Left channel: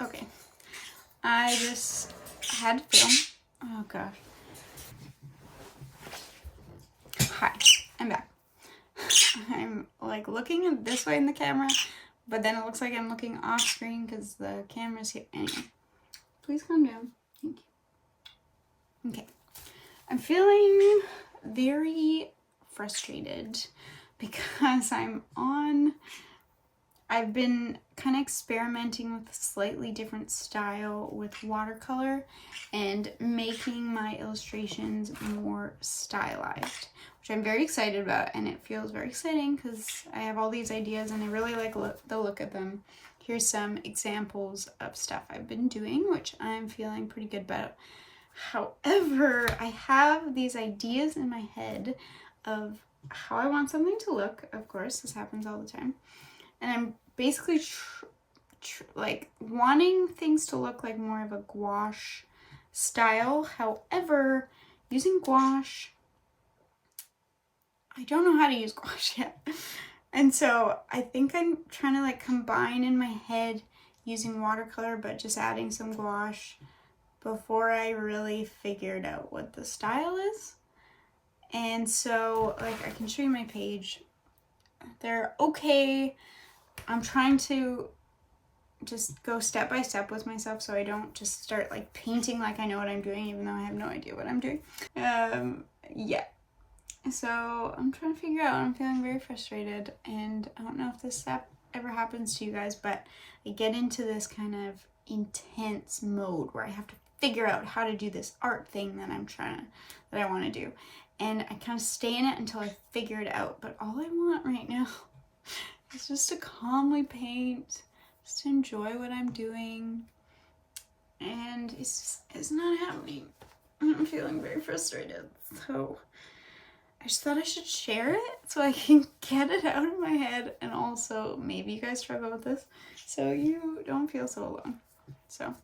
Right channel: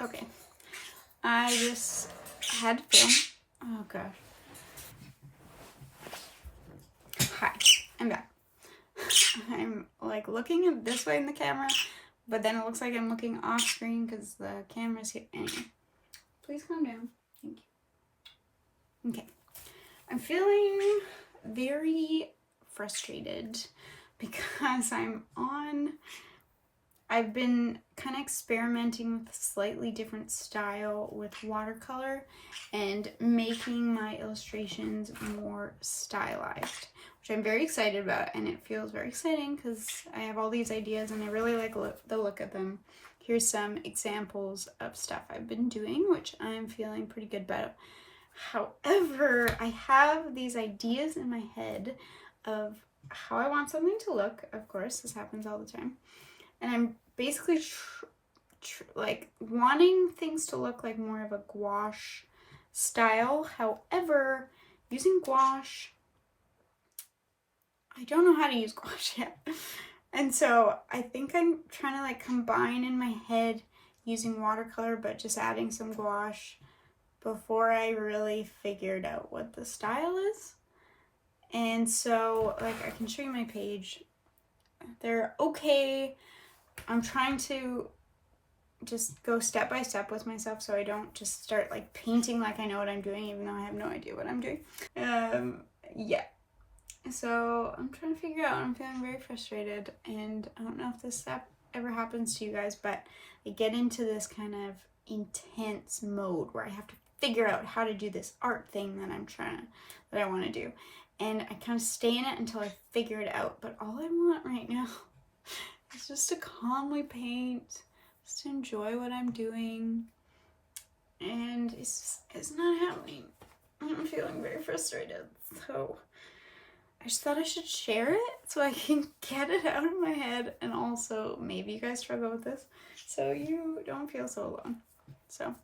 Okay, I just had to film. Oh gosh. Hi, I'm back. I'm like looking at this way in the camera, but then it looks like I'm looking off screen because the camera's here. Anyway, please calm down. Thank you. Okay, I'm feeling very frustrated because I've been kind of experimenting with a slightly different style with watercolor and making my illustrations more stylized, which I'm very excited about, and it feels very exciting because I have all these ideas and I really like the look of them. Here's some examples of stuff I've been doing, which I'm feeling pretty good about. However, I have these ideas in my head of how I want something to look. Of course, this happens all the time. And I'm basically like wanting things to look like more of a gouache style. However, using gouache, I don't know how to use gouache yet. And so I think I'm trying to like combine in my head using watercolor, but just adding some gouache before I really figured out what the style is. And so like I can show you my page. They're okay. I'm trying to just go step by step with myself so I don't just start like painting like I know what I'm doing, even though I have no idea what I'm doing. Yeah. So I'm trying to figure out. I'm feeling very frustrated, and I don't know if this ever happens to you guys, but I get into this kind of intense mode where I have to figure out how to do this art thing that I want to do. And I kind of stay in it until I figure it out. But all I want right now is just to calmly paint, just to enjoy what I'm doing. And it's not happening. I'm feeling very frustrated. So I just thought I should share it so I can get it out of my head, and also maybe you guys struggle with this so you don't feel so alone. So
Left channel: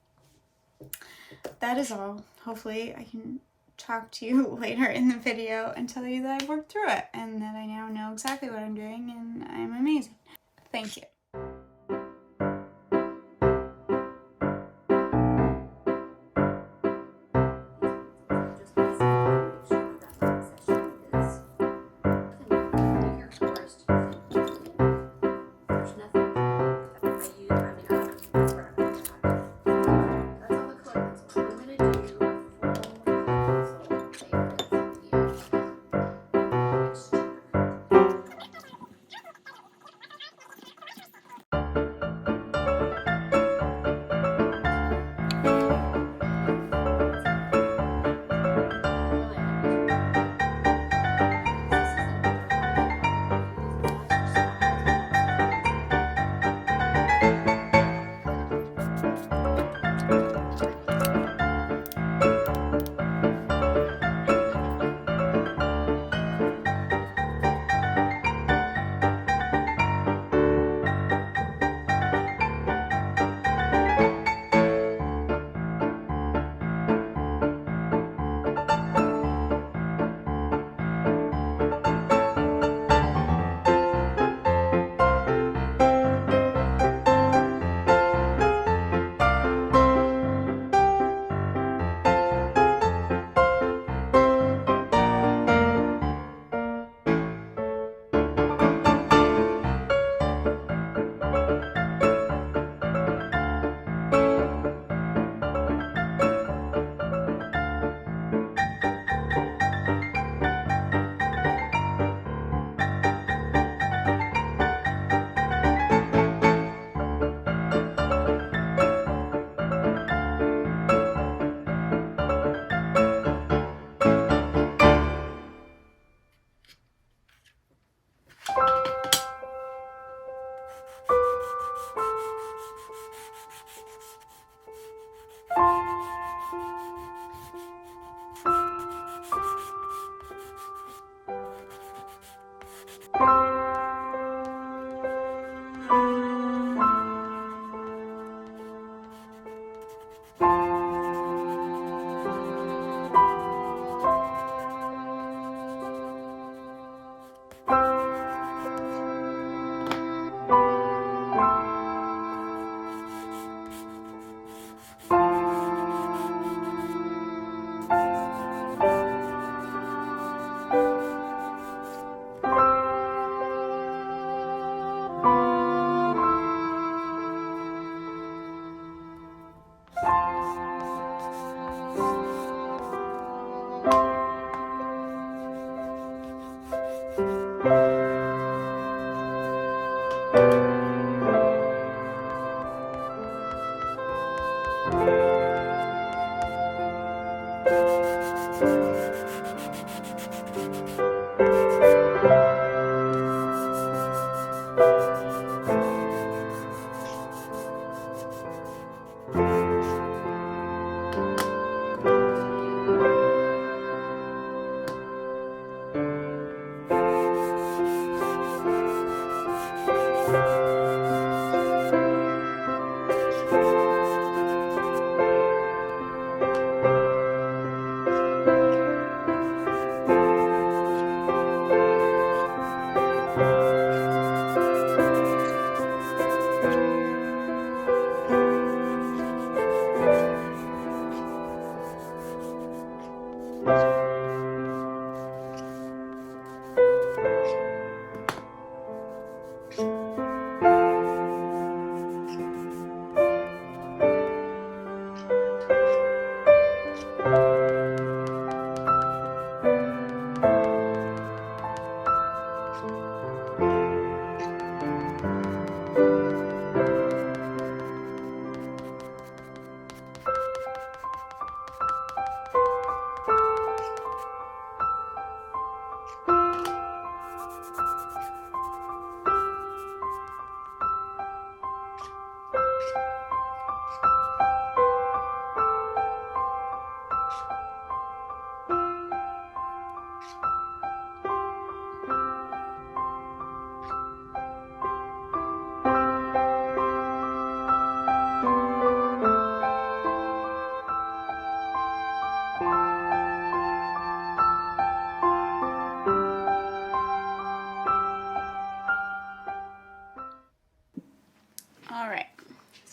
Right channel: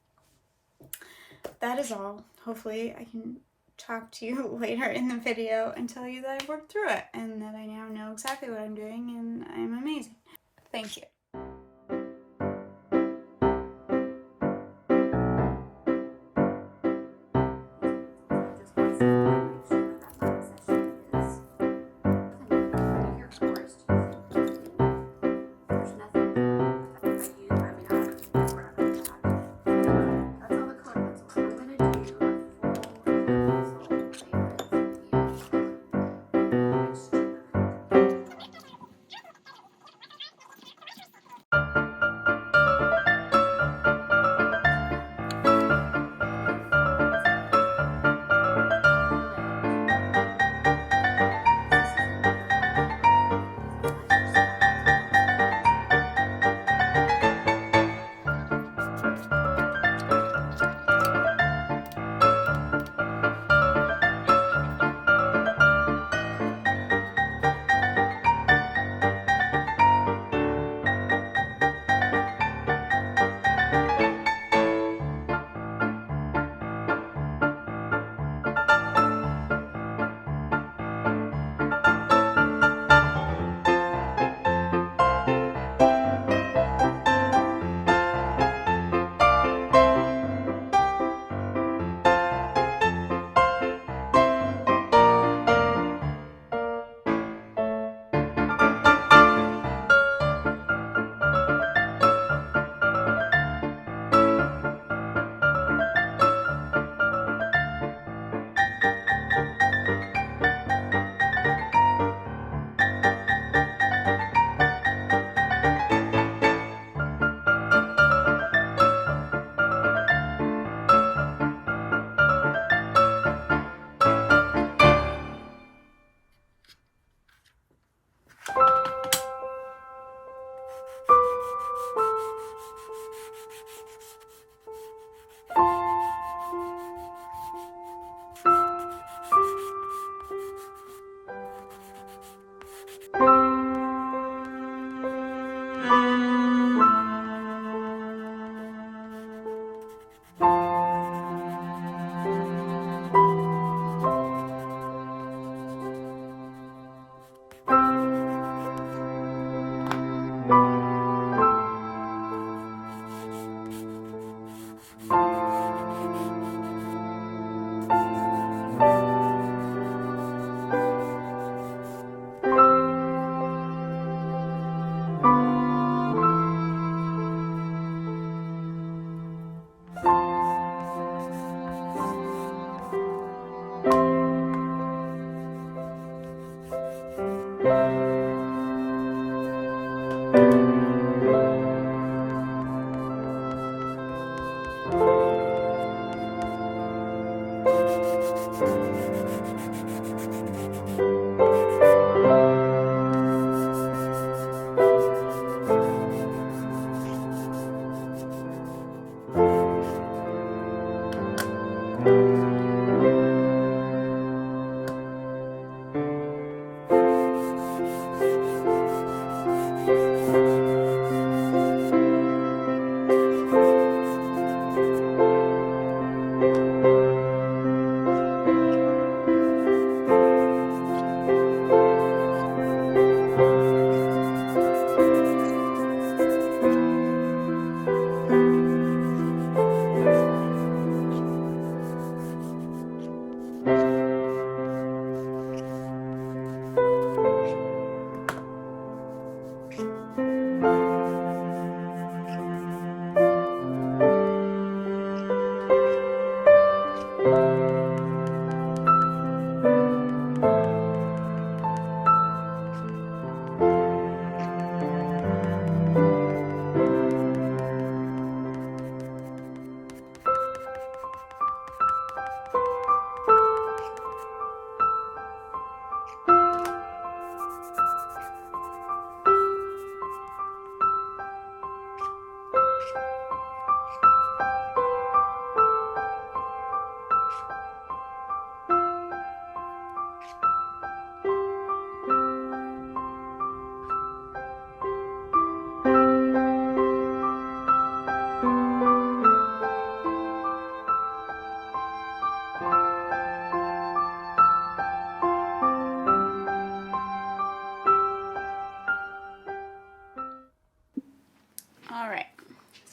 that is all. Hopefully I can talk to you later in the video and tell you that I've worked through it and that I now know exactly what I'm doing and I'm amazing. Thank you.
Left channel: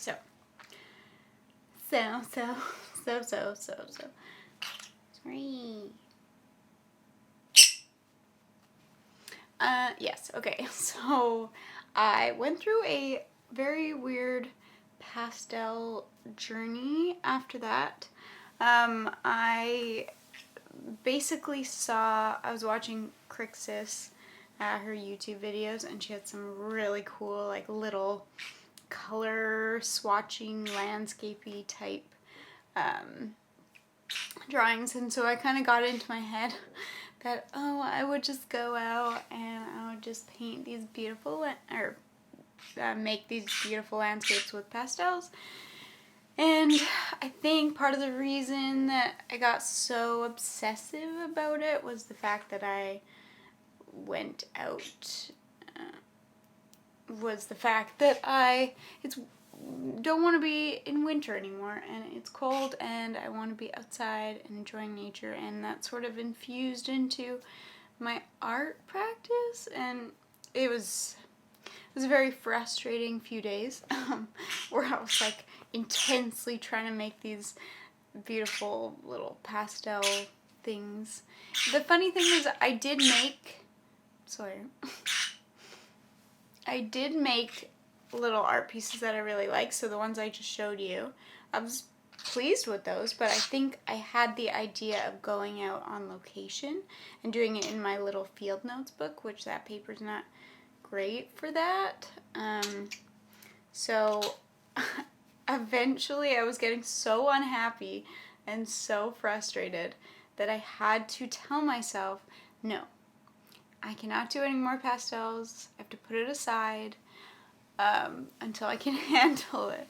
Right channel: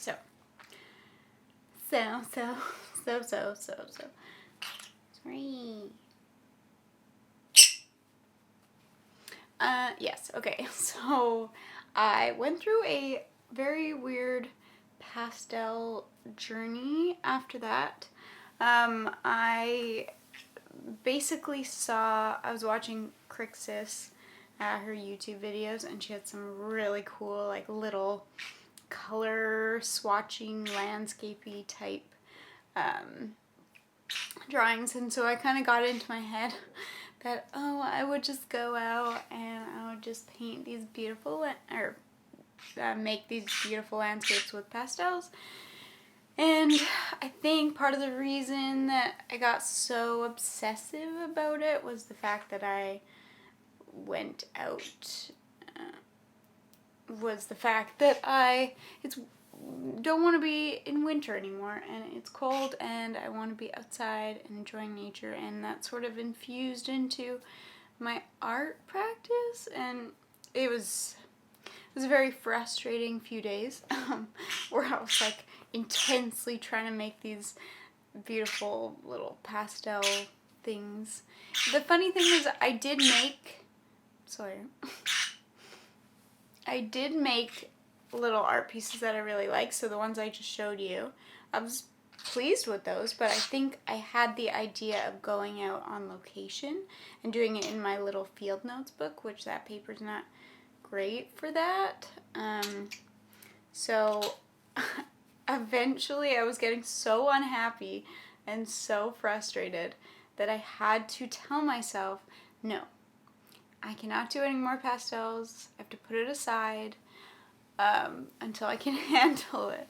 So. Sorry. Yes, okay. So I went through a very weird pastel journey after that. I basically I was watching Crixus, her YouTube videos, and she had some really cool, like, little color swatching, landscapey type drawings, and so I kind of got into my head that, oh, I would just go out and I would just paint these beautiful, or make these beautiful landscapes with pastels. And I think part of the reason that I got so obsessive about it was the fact that I went out, was the fact that don't want to be in winter anymore, and it's cold, and I want to be outside and enjoying nature, and that sort of infused into my art practice, and it was a very frustrating few days where I was like intensely trying to make these beautiful little pastel things. The funny thing is I did make little art pieces that I really like, so the ones I just showed you, I was pleased with those, but I think I had the idea of going out on location and doing it in my little field notes book, which that paper's not great for that. So eventually I was getting so unhappy and so frustrated that I had to tell myself, no, I cannot do any more pastels. I have to put it aside until I can handle it.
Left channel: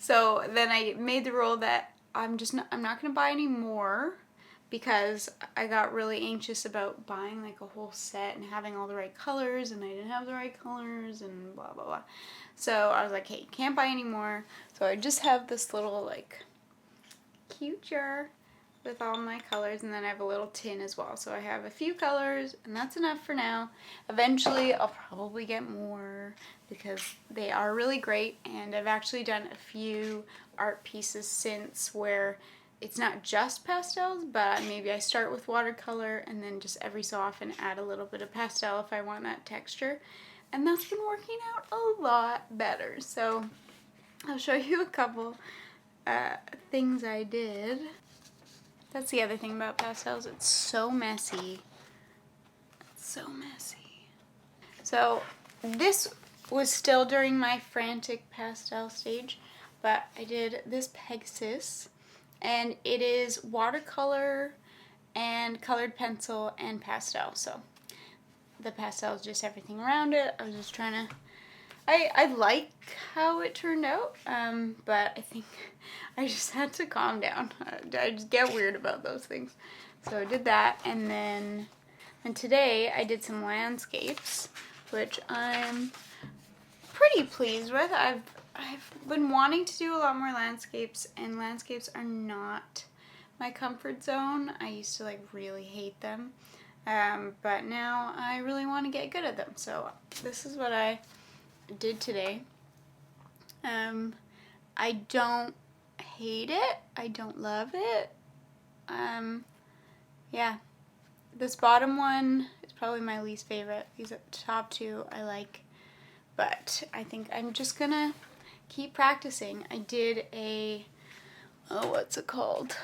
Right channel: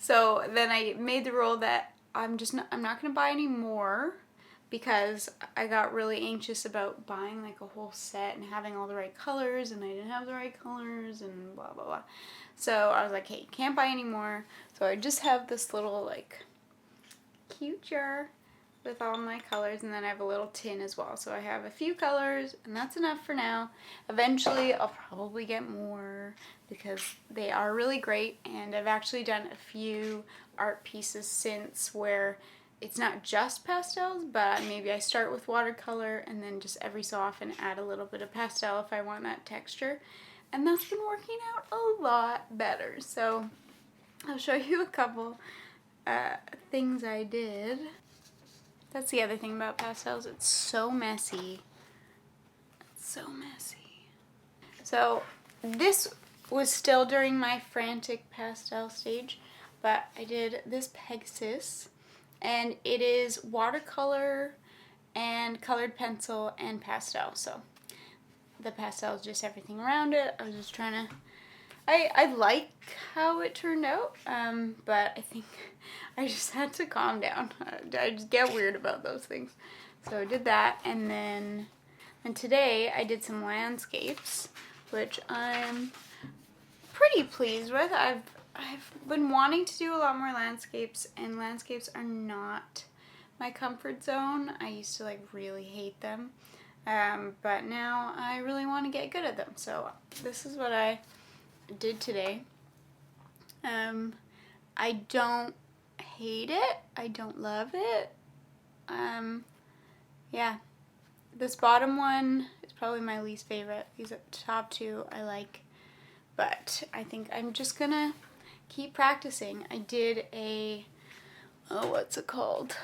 So then I made the rule that I'm not going to buy any more, because I got really anxious about buying like a whole set and having all the right colors, and I didn't have the right colors and blah blah blah. So I was like, hey, can't buy any more. So I just have this little like cute jar with all my colors, and then I have a little tin as well. So I have a few colors, and that's enough for now. Eventually I'll probably get more because they are really great, and I've actually done a few art pieces since where it's not just pastels, but maybe I start with watercolor and then just every so often add a little bit of pastel if I want that texture. And that's been working out a lot better. So I'll show you a couple things I did. That's the other thing about pastels. It's so messy. It's so messy. So this was still during my frantic pastel stage, but I did this Pegasus, and it is watercolor and colored pencil and pastel. So the pastel is just everything around it. I was just trying to, I like how it turned out, but I think I just had to calm down. I just get weird about those things. So I did that, and today I did some landscapes, which I'm pretty pleased with. I've been wanting to do a lot more landscapes, and landscapes are not my comfort zone. I used to like really hate them, but now I really want to get good at them. So this is what I did today. I don't hate it. I don't love it. Yeah. This bottom one is probably my least favorite. These top two I like, but I think I'm just gonna keep practicing. I did what's it called?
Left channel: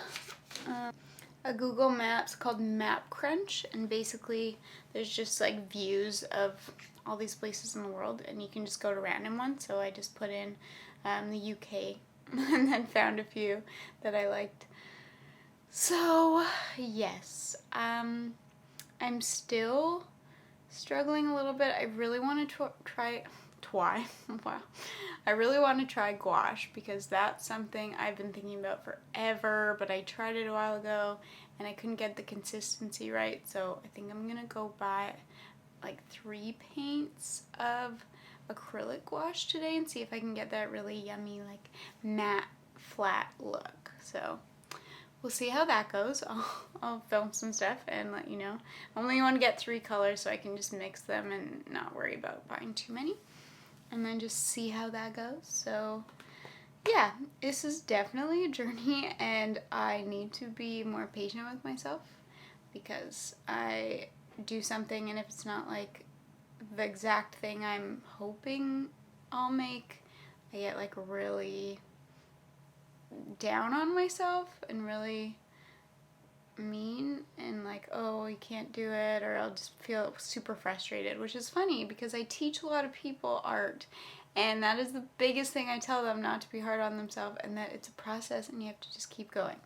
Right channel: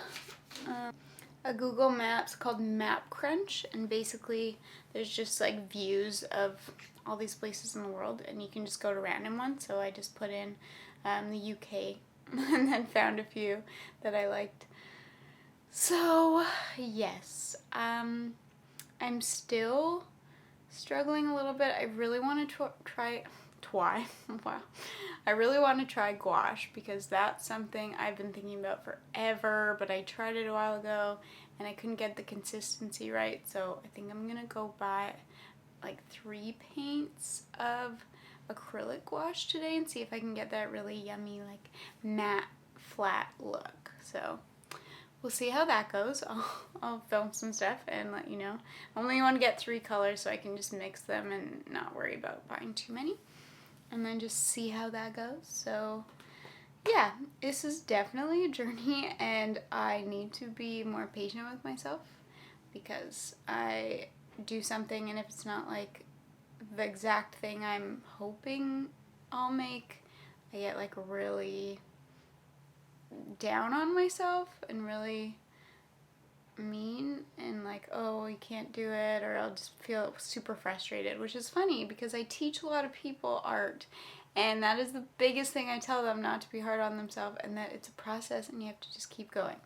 A Google Maps called Map Crunch, and basically there's just like views of all these places in the world, and you can just go to random ones. So I just put in the UK and then found a few that I liked. So yes, I'm still struggling a little bit. I really want to try wow. I really want to try gouache, because that's something I've been thinking about forever, but I tried it a while ago and I couldn't get the consistency right. So I think I'm gonna go buy like 3 paints of acrylic gouache today and see if I can get that really yummy like matte flat look. So we'll see how that goes. I'll film some stuff and let you know. I only want to get 3 colors so I can just mix them and not worry about buying too many, and then just see how that goes. So yeah, this is definitely a journey, and I need to be more patient with myself, because I do something and if it's not like the exact thing I'm hoping I'll make, I get like really down on myself and really mean and like, oh, you can't do it, or I'll just feel super frustrated, which is funny because I teach a lot of people art, and that is the biggest thing I tell them, not to be hard on themselves, and that it's a process and you have to just keep going.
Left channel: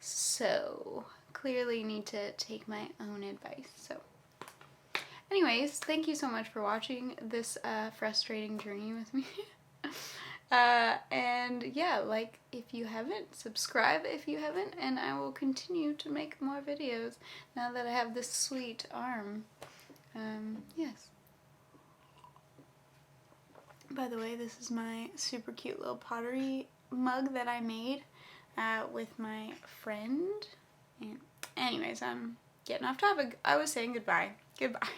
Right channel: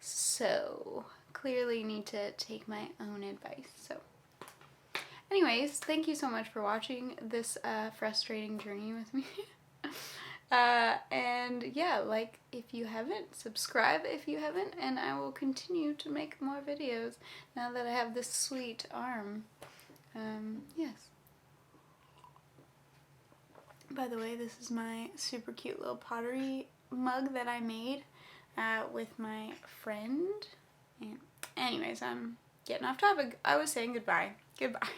So clearly need to take my own advice. So anyways, thank you so much for watching this frustrating journey with me. And yeah, like if you haven't, subscribe if you haven't, and I will continue to make more videos now that I have this sweet arm. Yes. By the way, this is my super cute little pottery mug that I made with my friend. And anyways, I'm getting off topic. I was saying goodbye. Goodbye.